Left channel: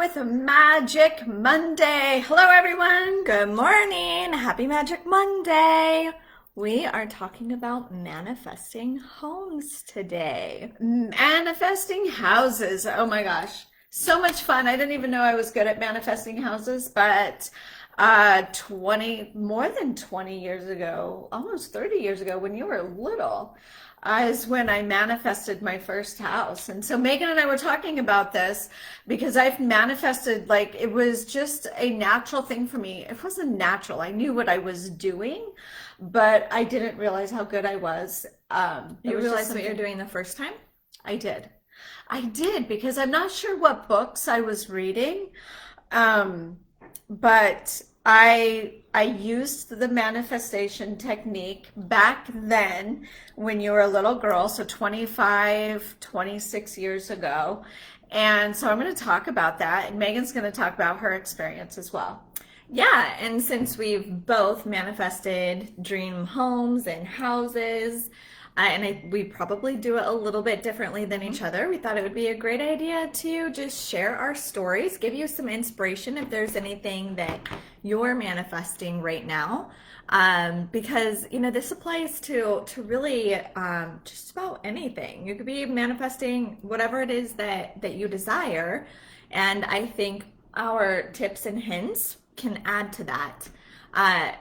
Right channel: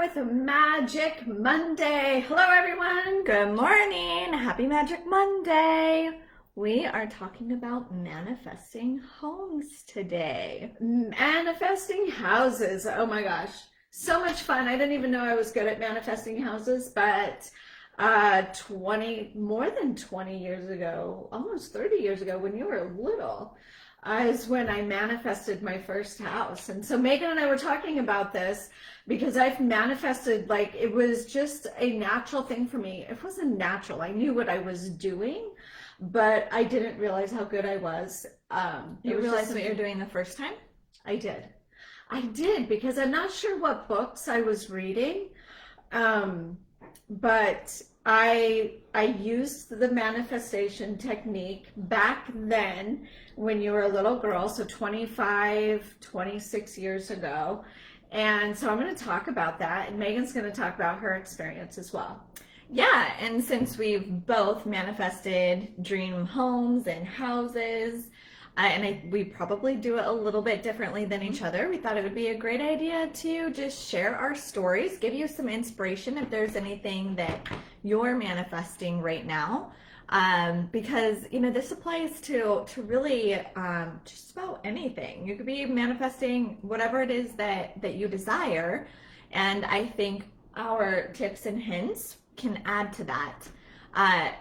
with Magic Monday. Hello, everyone. Good morning. Happy Magic Monday. We are talking about manifesting homes today. Manifesting houses. Oh my gosh. So much fun. I didn't even know I was good at manifesting houses, but more than 20 years ago, almost 30 years ago, when you were little, is when I manifested my first house. And so Megan and I were talking about this because I've manifested, like, it was just a natural thing for me. It wasn't natural. I knew what I was doing, but I didn't realize how good I was. You realized what you're doing the first time? I did. I did, because I'm not sure what books I was reading, but I used the manifestation technique back then when you were a little girl, so 25, 26 years ago. And so I'm going to talk about that, and Megan's going to talk about her experience as well. Yeah, and since we've both manifested dream homes and houses, we probably do it a little bit differently than each other, we thought it would be a great idea to just share our stories, give you some inspiration if there's anything that you're manifesting right now. Because, this applies to really just about anything. You could be manifesting whatever it is that you desire. And I think our tips and hints can add to that.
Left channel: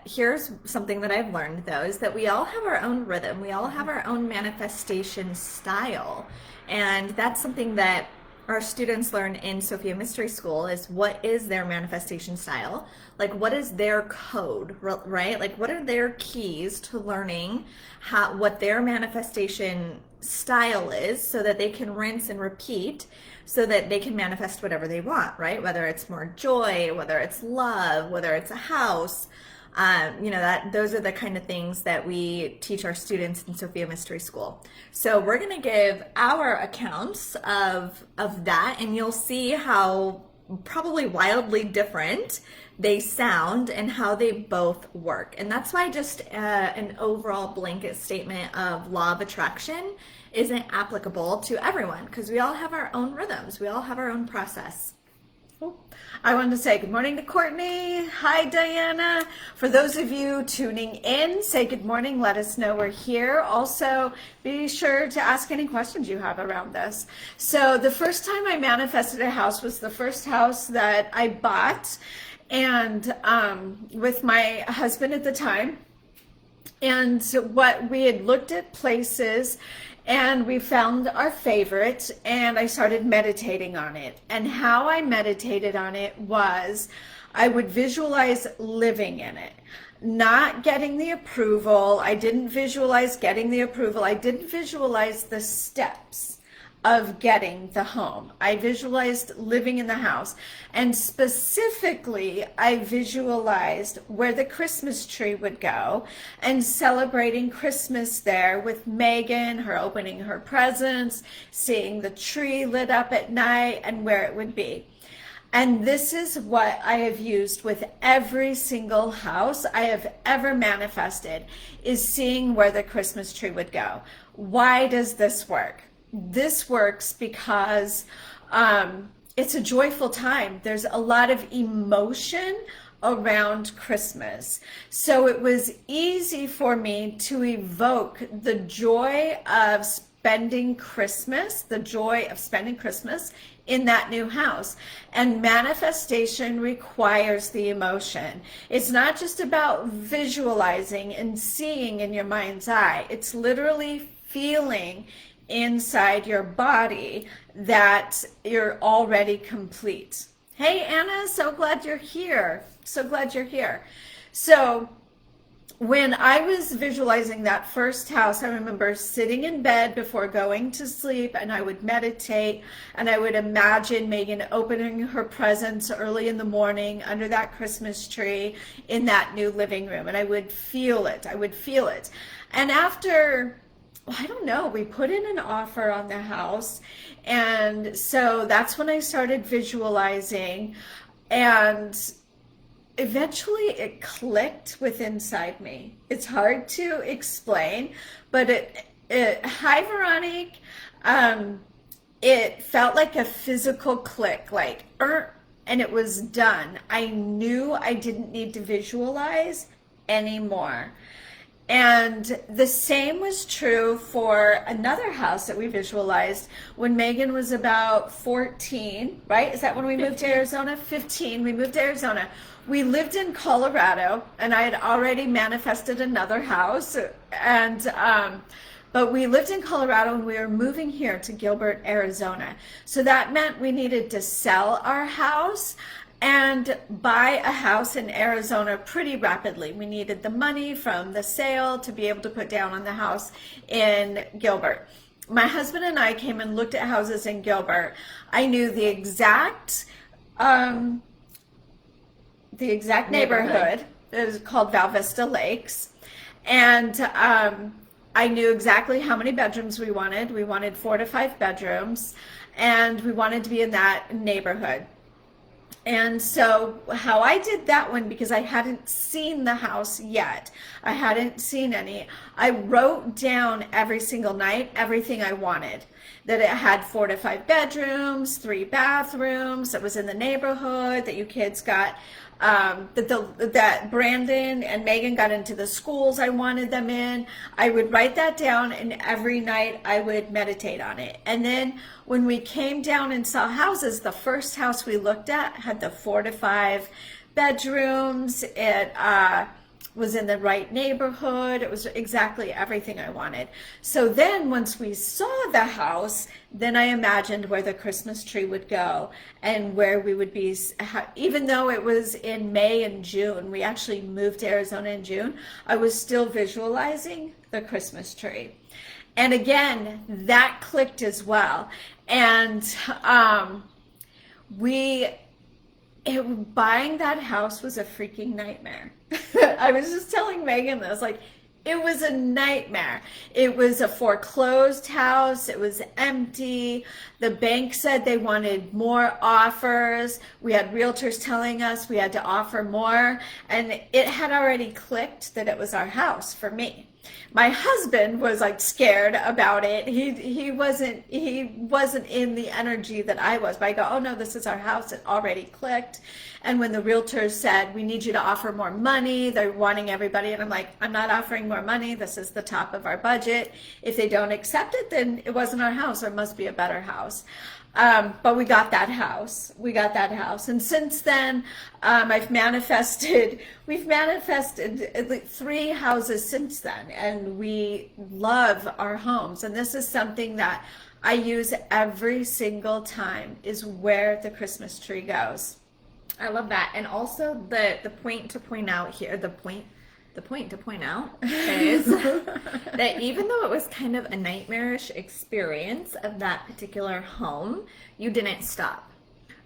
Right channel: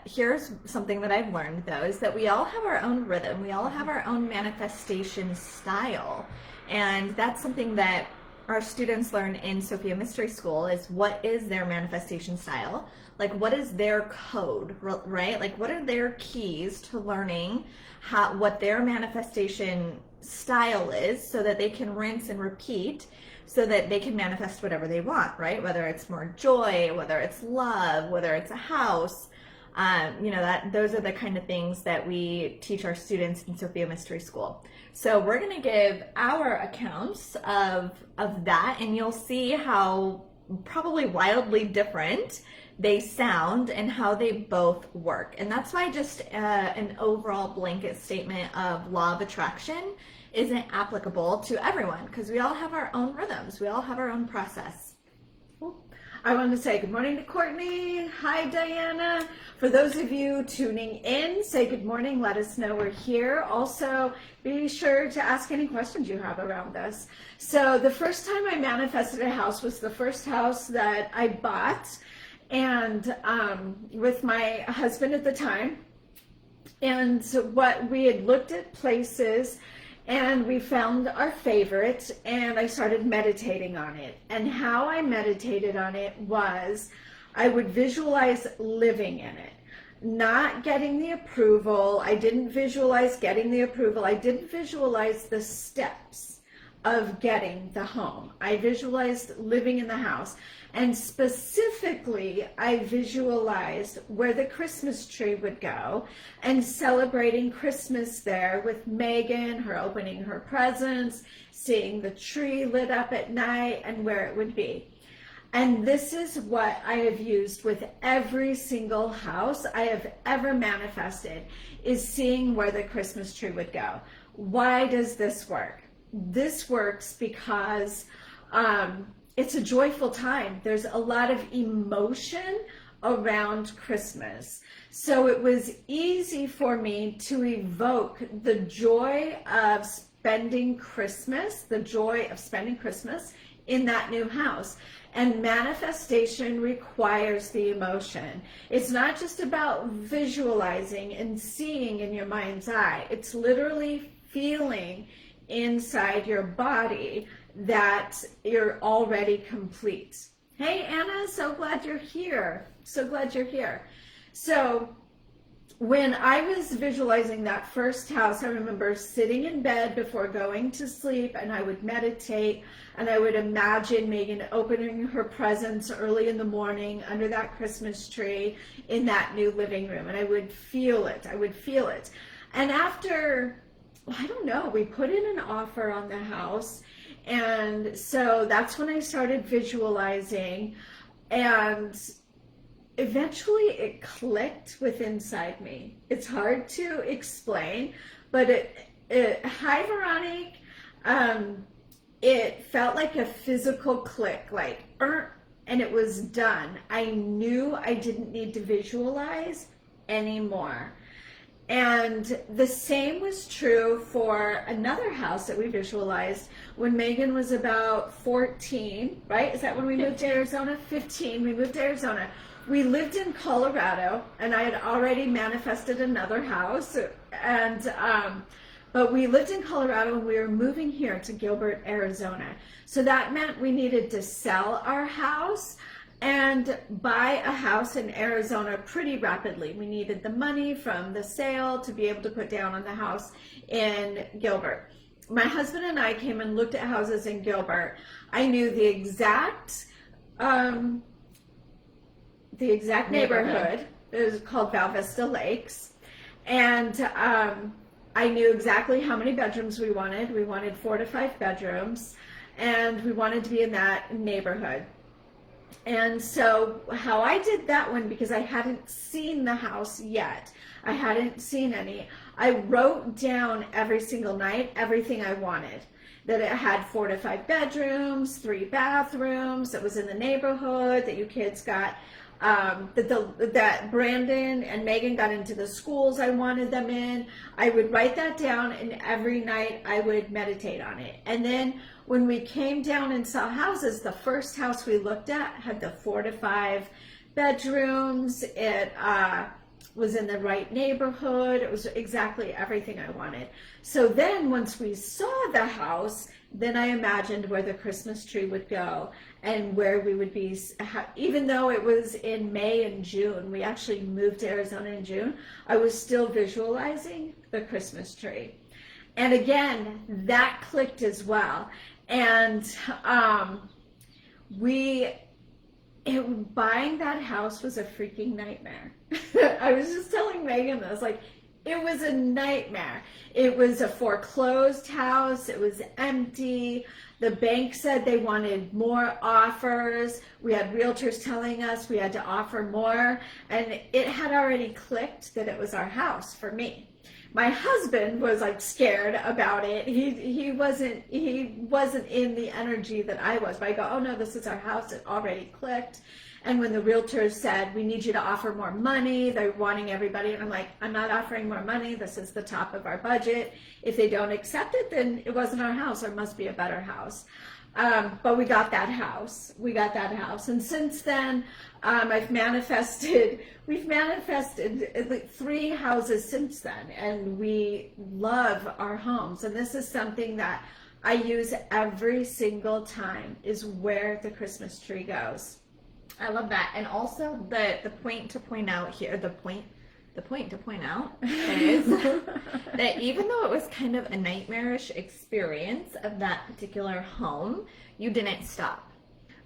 Here's something that I've learned, though, is that we all have our own rhythm. We all have our own manifestation style. And that's something that our students learn in Sophia Mystery School, is what is their manifestation style? Like, what is their code, right? Like, what are their keys to learning what their manifestation style is, so that they can rinse and repeat, so that they can manifest whatever they want, right? Whether it's more joy, whether it's love, whether it's a house, those are the kind of things that we teach our students in Sophia Mystery School. So we're going to give our accounts of that, and you'll see how probably wildly different they sound and how they both work. And that's why just an overall blanket statement of law of attraction isn't applicable to everyone, because we all have our own rhythms. We all have our own process. I wanted to say good morning to Courtney. Hi, Diana. For those of you tuning in, say good morning. Let us know we're here. Also, be sure to ask any questions you have around this. So the first time I manifested a house was the first house that I bought, and with my husband at the time. And what we had looked at places, and we found our favorite, and I started meditating on it. And how I meditated on it was I would visualize living in it, not getting the approval. I didn't visualize getting the approval. I didn't visualize the steps of getting the home. I visualized living in the house. And specifically, I visualized where the Christmas tree would go and celebrating Christmas there with Megan, her opening her presents, seeing the tree lit up at night, and where it would be. And this is what I have used with every single house I have ever manifested, is seeing where the Christmas tree would go. Why does this work? This works because it's a joyful time. There's a lot of emotion around Christmas. So it was easy for me to evoke the joy of spending Christmas, in that new house. And manifestation requires the emotion. It's not just about visualizing and seeing in your mind's eye. It's literally feeling inside your body that you're already complete. Hey, Anna, so glad you're here. So when I was visualizing that first house, I remember sitting in bed before going to sleep, and I would meditate, and I would imagine Megan opening her presents early in the morning under that Christmas tree in that new living room, and I would feel it. And after, I don't know, we put in an offer on the house, and so that's when I started visualizing, and eventually it clicked within inside me. It's hard to explain, but hi Veronique, it felt like a physical click, like and it was done. I knew I didn't need to visualize anymore. And the same was true for another house that we visualized when Megan was about 14, right? Is that when we moved to Arizona? 15. We moved to Arizona. We lived in Colorado, and I had already manifested another house. But we lived in Colorado, and we were moving here to Gilbert, Arizona. So that meant we needed to sell our house and buy a house in Arizona pretty rapidly. We needed the money from the sale to be able to put down on the house in Gilbert. My husband and I came and looked at houses in Gilbert. I knew the exact neighborhood. It was called Val Vista Lakes. And I knew exactly how many bedrooms we wanted. We wanted 4 to 5 bedrooms, and we wanted to be in that neighborhood. And so how I did that one, because I hadn't seen the house yet, I hadn't seen any, I wrote down every single night everything I wanted. That it had 4 to 5 bedrooms, 3 bathrooms, it was in the neighborhood, that you kids got, that Brandon and Megan got into the schools I wanted them in. I would write that down, and every night I would meditate on it. And then when we came down and saw houses, the first house we looked at had the 4 to 5 bedrooms. It was in the right neighborhood. It was exactly everything I wanted. So then once we saw the house, then I imagined where the Christmas tree would go and where we would be. Even though it was in May and June, we actually moved to Arizona in June, I was still visualizing the Christmas tree. And again, that clicked as well. And buying that house was a freaking nightmare. I was just telling Megan this, like, it was a nightmare. It was a foreclosed house. It was empty. The bank said they wanted more offers. We had realtors telling us we had to offer more. And it had already clicked that it was our house for me. My husband was like scared about it. He wasn't in the energy that I was. But I go, oh no, this is our house. It already clicked. And when the realtors said, we need you to offer more money, they're wanting everybody. And I'm like, I'm not offering more money. This is the top of our budget. If they don't accept it, then it wasn't our house. There must be a better house. But we got that house. And since then, we've manifested at least 3 houses since then. And we love our homes. And this is something that I use every single time, is where the Christmas tree goes. I love that. And also the point to point out here, the point to point out is that even though it was kind of a nightmarish experience of that particular home, you didn't stop,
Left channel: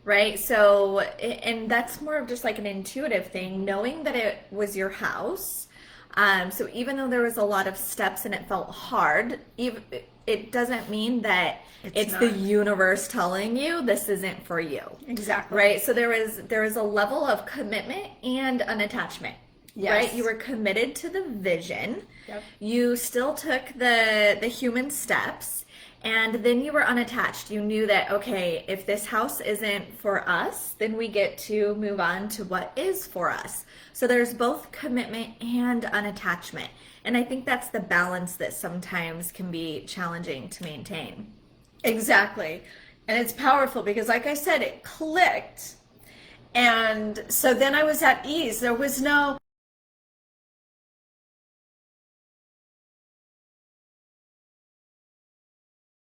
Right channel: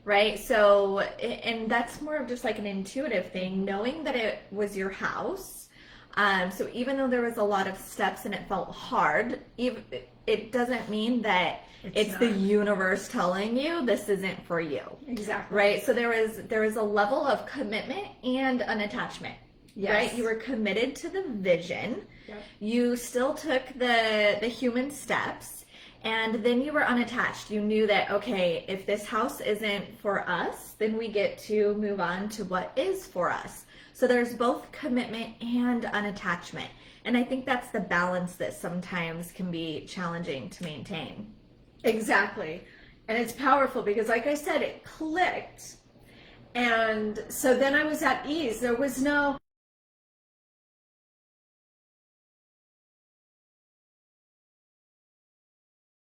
right? So, and that's more of just like an intuitive thing, knowing that it was your house. So even though there was a lot of steps and it felt hard, it doesn't mean that it's the universe telling you this isn't for you. Exactly. Right? So there was a level of commitment and unattachment. Yes. Right? You were committed to the vision. Yep. You still took the human steps, and then you were unattached. You knew that, okay, if this house isn't for us, then we get to move on to what is for us. So there's both commitment and unattachment. And I think that's the balance that sometimes can be challenging to maintain. Exactly. And it's powerful because, like I said, it clicked. And so then I was at ease. There was no,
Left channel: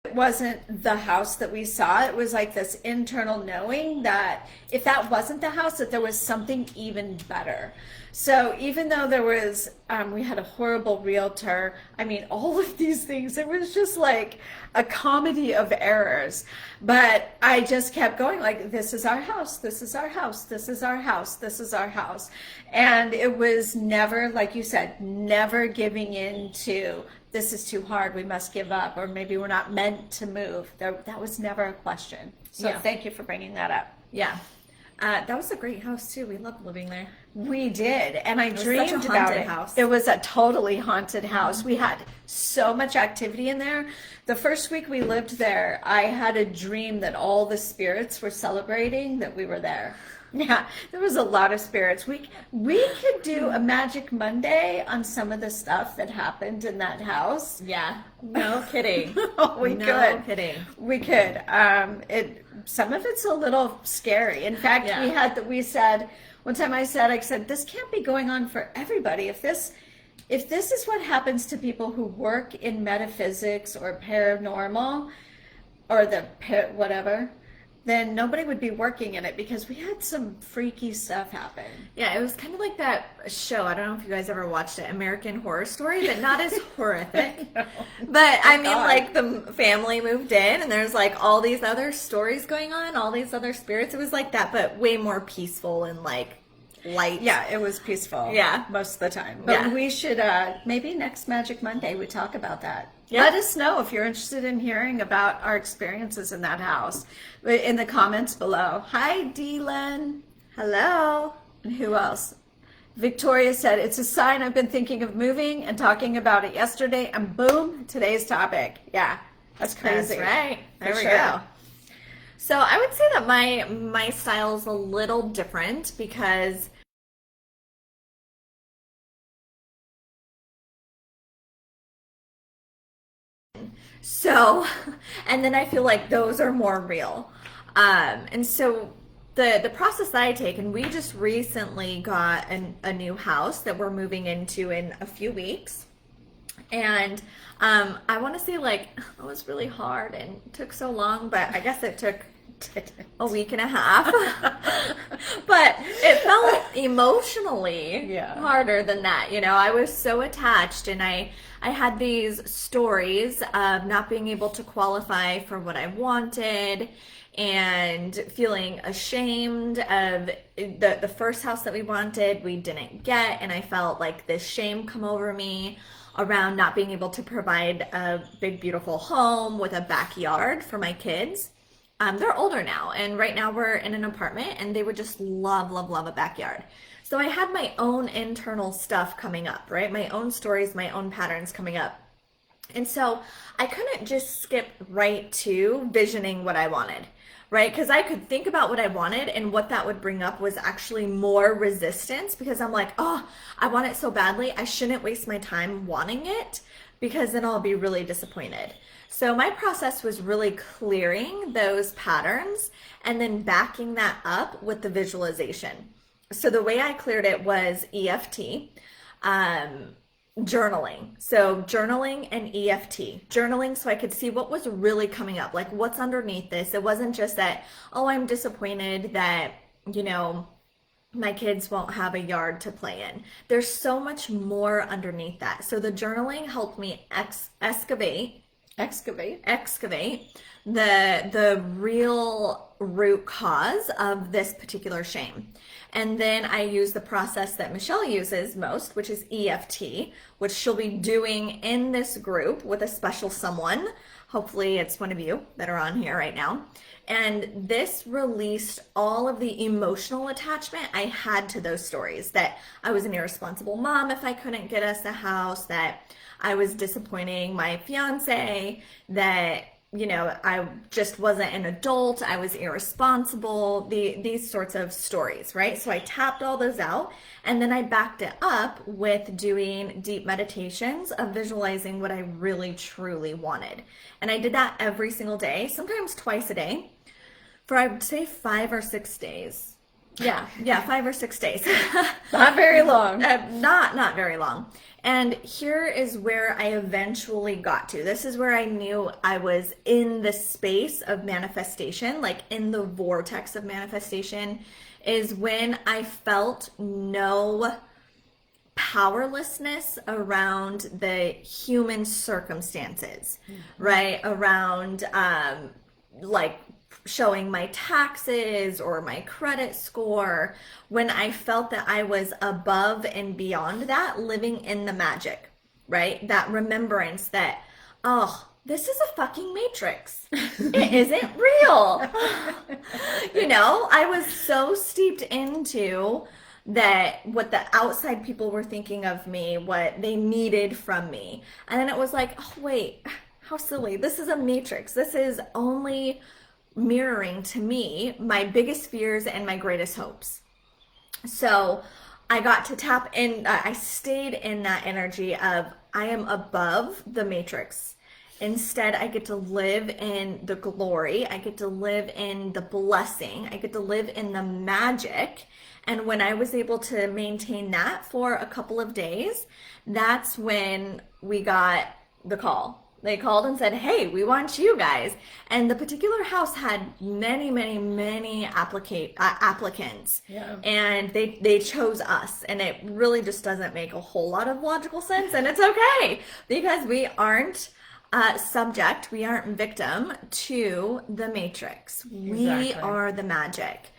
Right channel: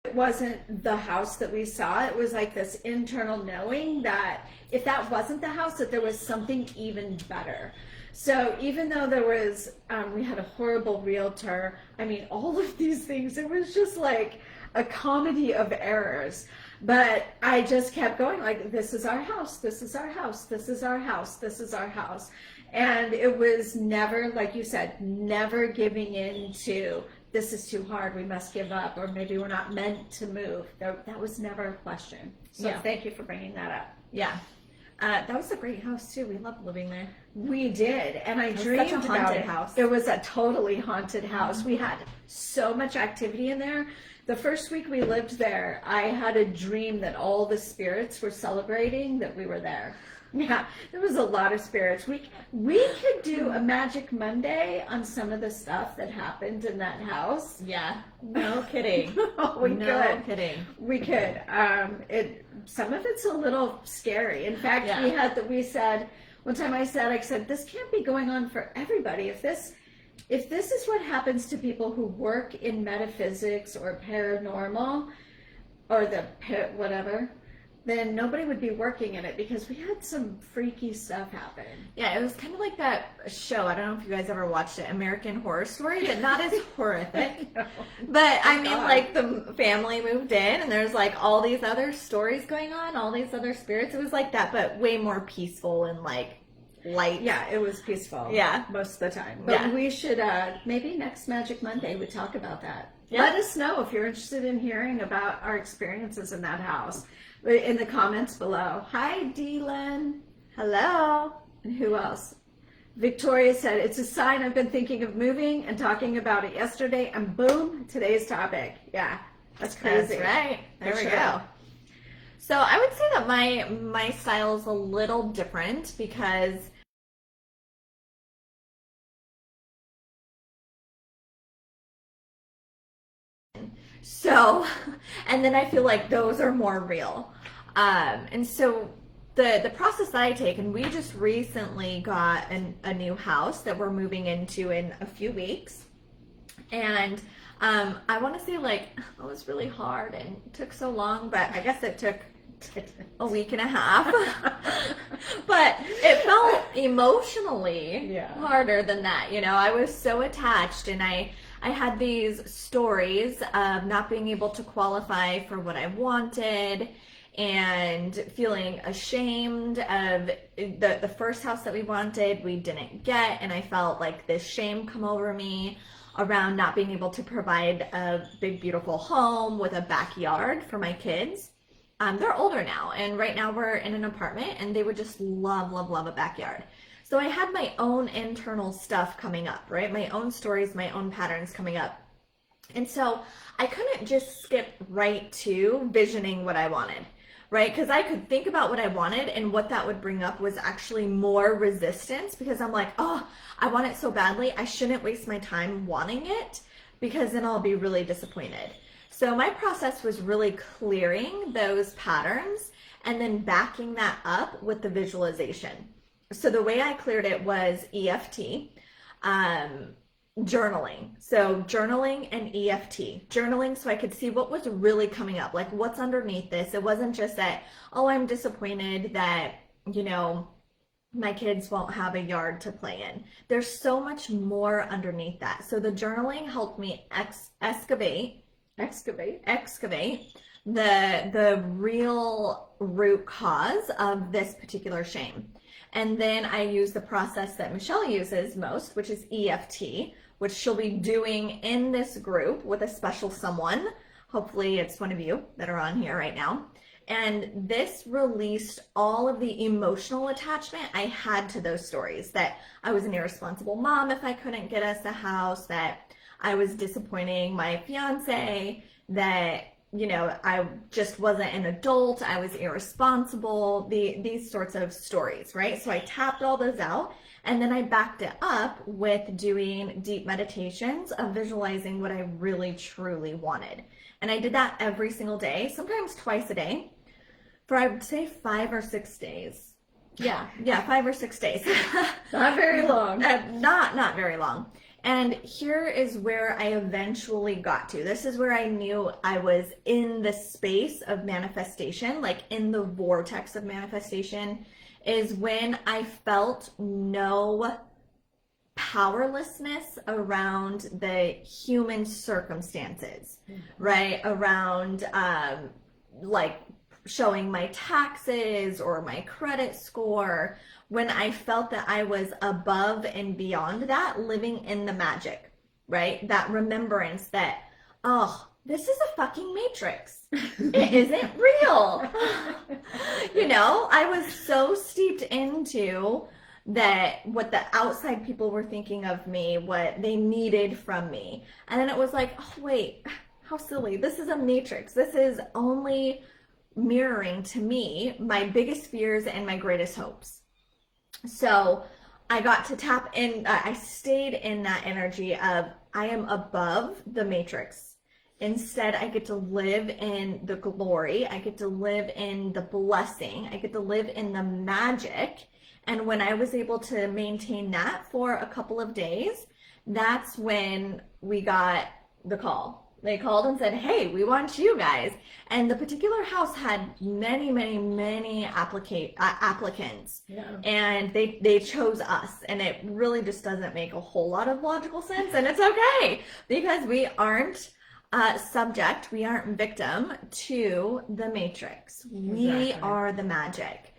it wasn't the house that we saw. It was like this internal knowing that if that wasn't the house, that there was something even better. So even though there was, we had a horrible realtor, I mean, all of these things, it was just like a comedy of errors. But I just kept going like, this is our house, this is our house, this is our house, this is our house. And it was never, like you said, never giving in to, this is too hard, we must give up, or maybe we're not meant to move. That was never a question. So Thank you for bringing that up. Yeah. That was a great house too. We loved living there. We did, and I was dreamed such a about haunted it. house. It was a totally haunted house. We had so much activity in there. The first week we lived there, I had a dream that all the spirits were celebrating that we were there. Yeah, there was a lot of spirits. We could do a Magic Monday on some of the stuff that happened in that house. Yeah, no kidding. We no could. kidding. We could. Some of it's a little scary. In fact, Yeah. we said one time. I said this can't be going on for everybody. If this is what happens to people who work in metaphysics or paranormal or whatever, then nobody would be working in it, because we had some freaky stuff happen. Yeah, it was kind of like that show. I don't know if you guys ever watched it, American Horror Story, but not as horrific. But I mean, like, the family moved in and there's like all these other stories going on, all these other spirits. It was like that, but way more peaceful and like light. Yeah, it was peaceful. Yeah. Most of the time. But Yeah. we should, maybe next Magic Monday we talk about that. Yeah. Let us know if you're interested in hearing about our experiences in that house in the comments below. Hi, Dylan. Hello. And who else? Victoria said, it's a sign I've been thinking of moving and talking about it yesterday, and boom, today's topic. Yeah, that's crazy. That's right. There For we sure. go. So I would say that my style is a little different because and then I feel like those are more real. And so the process that I take, and we just recently got a new house that we're moving into in a few weeks. And I want to say, like, it was really hard and took so long, but I guess it took a week and a half. But it felt emotionally harder than that. You know, I was so attached, and I had these stories of not being able to qualify for what I wanted and feeling ashamed of the first house that we wanted, we didn't get. And I felt like this shame come over me around not being able to provide a big, beautiful home with a backyard for my kids. They're older now, and right now we're in an apartment, and they would just love, love, love a backyard. So I had my own internal stuff coming up, right? My own stories, my own patterns coming up. And so I couldn't just skip right to visioning what I wanted, right? Because I could think about what I wanted, and what that would bring up was actually more resistance, because I'm like, oh, I want it so badly. I shouldn't waste my time wanting it, because then I'll be really disappointed. So my process was really clearing those patterns and then backing that up with the visualization. So the way I cleared it was EFT, journaling. So journaling and EFT. Journaling so I could see what was really coming up, like what's underneath this. It wasn't just that, oh, I'm disappointed that, you know, my kids won't have a yard to play in. There's so much more underneath that. So the journaling helped me excavate the real root cause of this particular shame. And then I use the process that Michelle uses most, which is EFT, which she'll be doing in this group with a special someone. Hopefully it's one of you that are on here right now. And this released all of the emotional attachment I had to those stories, that I was an irresponsible mom if I couldn't get us a house, that I was disappointing my fiance, that, you know, I just wasn't an adult, I was irresponsible, these sorts of stories, right? So I tapped all those out, and then I backed it up with doing deep meditations of visualizing what I really truly wanted. And I did that every single day, sometimes twice a day, for I would say 5 or 6 days. Yeah, 5 or 6 days. Not very long. Not very long. And here is where I eventually got to. This is where I knew I was in the space of manifestation, like in the vortex of manifestation, is when I felt no powerlessness around the human circumstances, right? Around like showing my taxes or my credit score, when I felt that I was above and beyond that, living in the magic, right? That remembrance that, oh, this is a fucking matrix. It isn't real. You know, I was so steeped into that what the outside people were thinking of me, what they needed from me. And then it was like, oh, wait, how silly. This is a matrix. This is only mirroring to me my biggest fears and my greatest hopes. So I got to tap in, I stayed in that energy of I am above the matrix. Instead, I get to live in the glory. I get to live in the blessing. I get to live in the magic. And when I was able to maintain that for a couple of days, that's when we got the call. They called and said, hey, we want you guys. And the particular house had many, many, many applicants. Yeah. And they chose us. And it really just doesn't make a whole lot of logical sense. And it's okay, because we aren't subject, we aren't victim to the matrix. We Exactly. are the magic.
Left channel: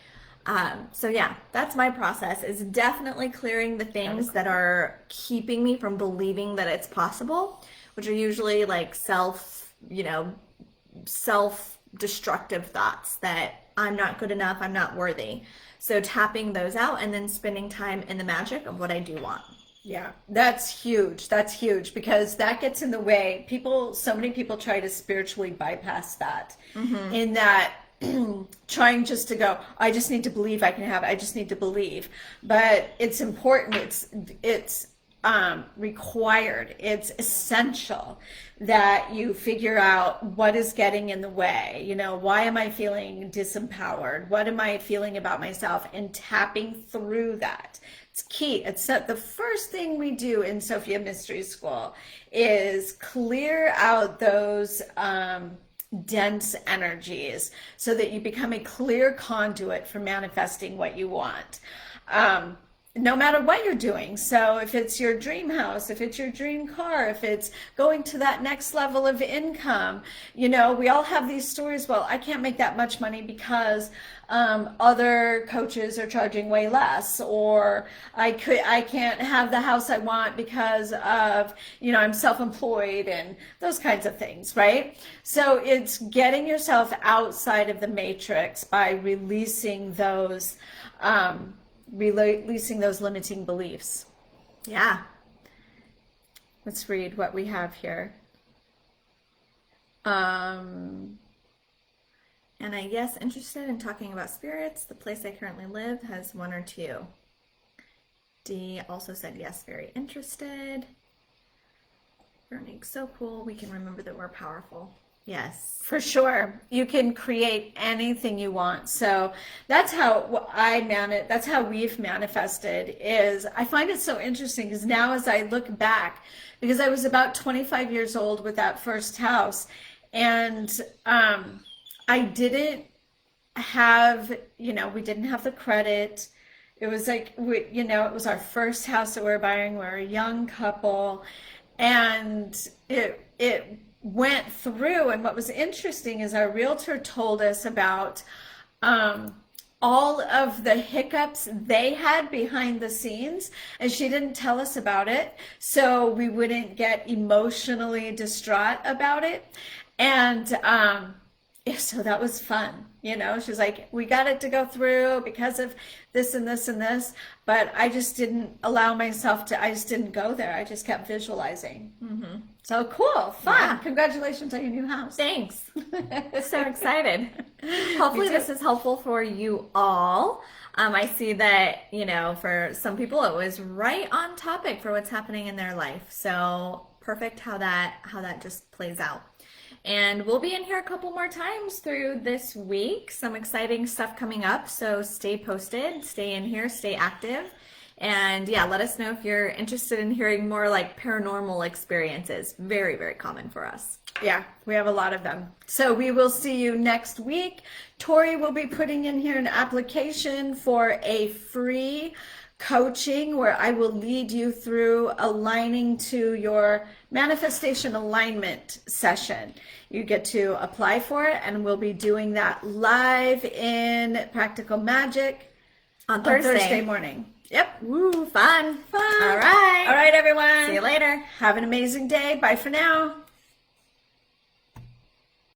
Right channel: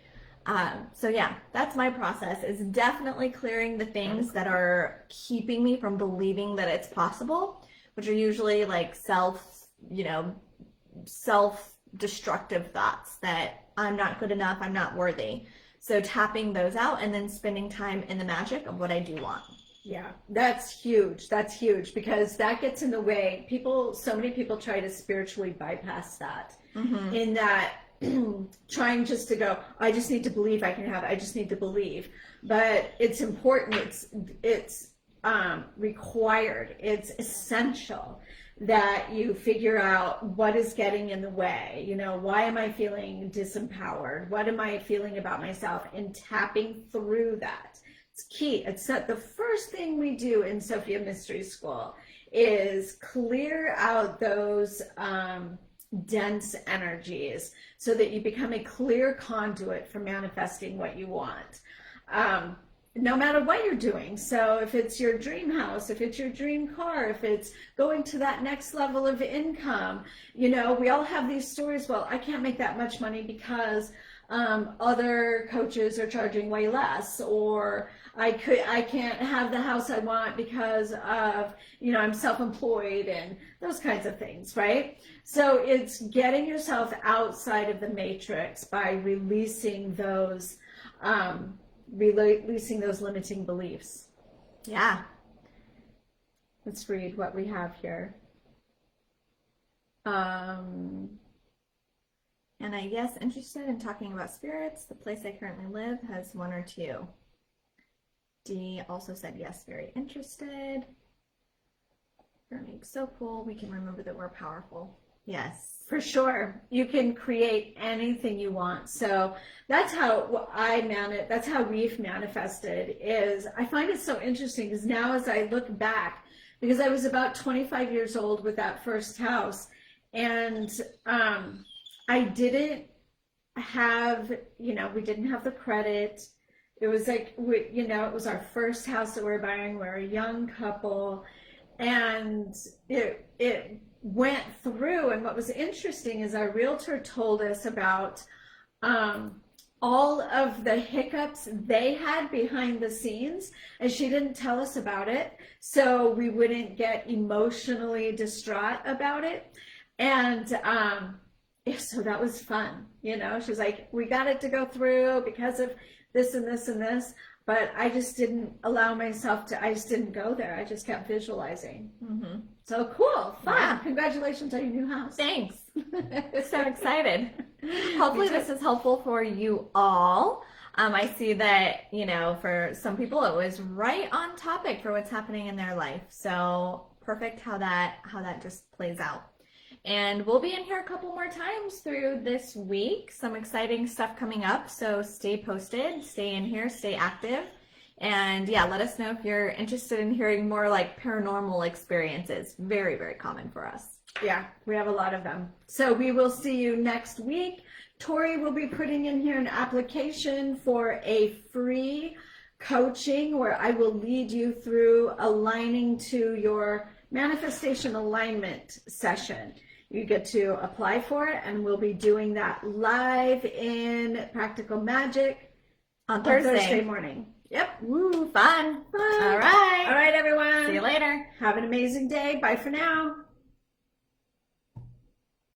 So yeah, that's my process, is definitely clearing the things that are keeping me from believing that it's possible, which are usually like self-destructive thoughts that I'm not good enough, I'm not worthy. So tapping those out and then spending time in the magic of what I do want. Yeah, that's huge. That's huge, because that gets in the way. So many people try to spiritually bypass that, in that trying just to go, I just need to believe I can have it. I just need to believe. But it's important. It's required. It's essential that you figure out what is getting in the way. You know, why am I feeling disempowered? What am I feeling about myself? And tapping through that. It's key. It's the first thing we do in Sophia Mystery School is clear out those dense energies so that you become a clear conduit for manifesting what you want. No matter what you're doing. So if it's your dream house, if it's your dream car, if it's going to that next level of income, you know, we all have these stories. Well, I can't make that much money because other coaches are charging way less, or I can't have the house I want because of, you know, I'm self-employed and those kinds of things, right? So it's getting yourself outside of the matrix by releasing those limiting beliefs. Yeah. Let's read what we have here. And I guess interested in talking about spirits. The place I currently live has one or two. D also said yes, very interested. Veronique, so cool. We can remember that we're powerful. Yes. For sure. You can create anything you want. So that's how that's how we've manifested. Is I find it so interesting because now as I look back, because I was about 25 years old with that first house, and I didn't have, you know, we didn't have the credit. It was like, you know, it was our first house that we were buying. We were a young couple, and it went through. And what was interesting is our realtor told us about all of the hiccups they had behind the scenes, and she didn't tell us about it, so we wouldn't get emotionally distraught about it. And so that was fun, you know. She's like, we got it to go through because of this and this and this, but I just didn't allow myself to, I just didn't go there. I just kept visualizing. So cool, fun. Yeah. Congratulations on your new house. Thanks. So excited. Hopefully this is helpful for you all. I see that, you know, for some people it was right on topic for what's happening in their life. So perfect how that just plays out. And we'll be in here a couple more times through this week. Some exciting stuff coming up. So stay posted, stay in here, stay active. And yeah, let us know if you're interested in hearing more like paranormal experiences. Very, very common for us. Yeah, we have a lot of them. So we will see you next week. Tori will be putting in here an application for a free coaching where I will lead you through aligning to your manifestation alignment session. You get to apply for it, and we'll be doing that live in Practical Magic On Thursday morning. Yep. Woo, fun. Fun. All right. All right, everyone. See you later. Have an amazing day. Bye for now.